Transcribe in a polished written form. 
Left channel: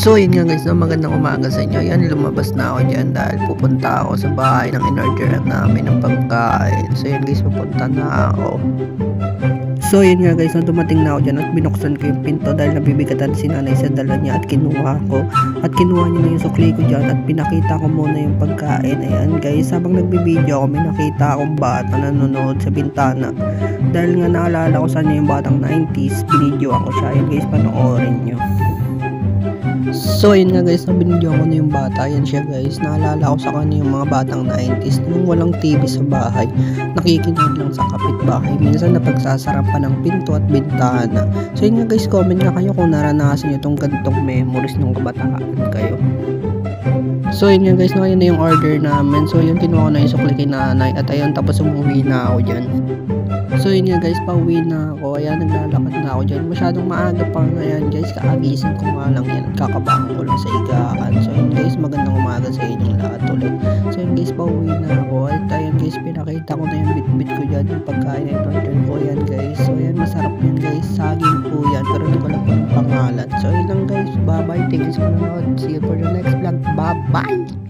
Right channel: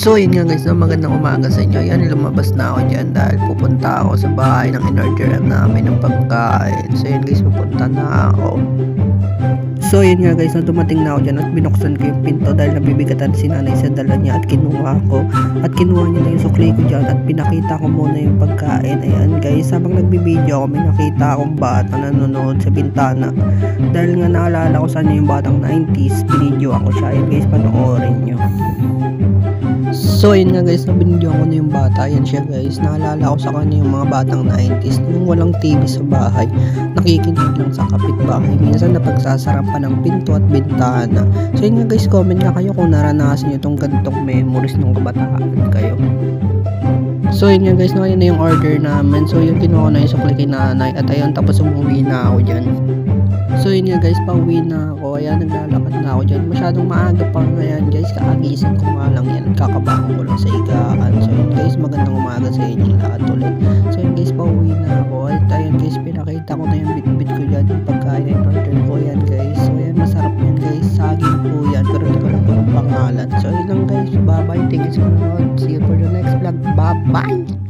So yun nga guys, no, magandang umaga sa inyo. Yan, lumabas na ako dyan dahil pupunta ako sa bahay ng in-orderan namin ng pagkain. So yun guys, pupunta na ako. So yun nga guys, no, dumating na ako dyan at binuksan ko yung pinto dahil nabibigatan si nanay sa dala niya at kinuha ko. At kinuha niya na yung sukli ko dyan at pinakita ko muna yung pagkain. Ayan guys, habang nagbibideo ako, may nakita akong bata na nanonood sa bintana. Dahil nga naalala ko sa yung batang 90s, binidyo ako siya. Ayan guys, panoorin nyo. So yun nga guys, binidyo ko na yung bata. Yan siya guys, naalala ko sa kanya yung mga batang 90s, yung walang TV sa bahay, nakikinig lang sa kapitbahay, minsan napagsasarapan ng pinto at bintana. So yun nga guys, comment nga kayo kung naranasan nyo itong ganitong memories ng kabataan kayo. So yun nga guys, no, yun na yung order namin. So yun, kinuha ko na yung sukli kay nanay at ayun, tapos umuwi na ako dyan. So yun nga guys, pauwi na ako. Ayan, naglalakad na ako dyan. Masyadong maaga pa ngayon guys, kaagising ko nga lang yan at kakabangon ko lang sa higaan. So yun guys, magandang umaga sa inyong lahat ulit. So yun guys, pauwi na ako. At ayan guys, pinakita ko na yung bit-bit ko dyan, yung pagkain na order ko. Ayan guys, so ayan, masarap yan guys. Saging po yan, pero hindi ko lang po ng pangalan. So yun lang guys, bye bye. Thank you sa panonood. See you for the next vlog. Bye bye.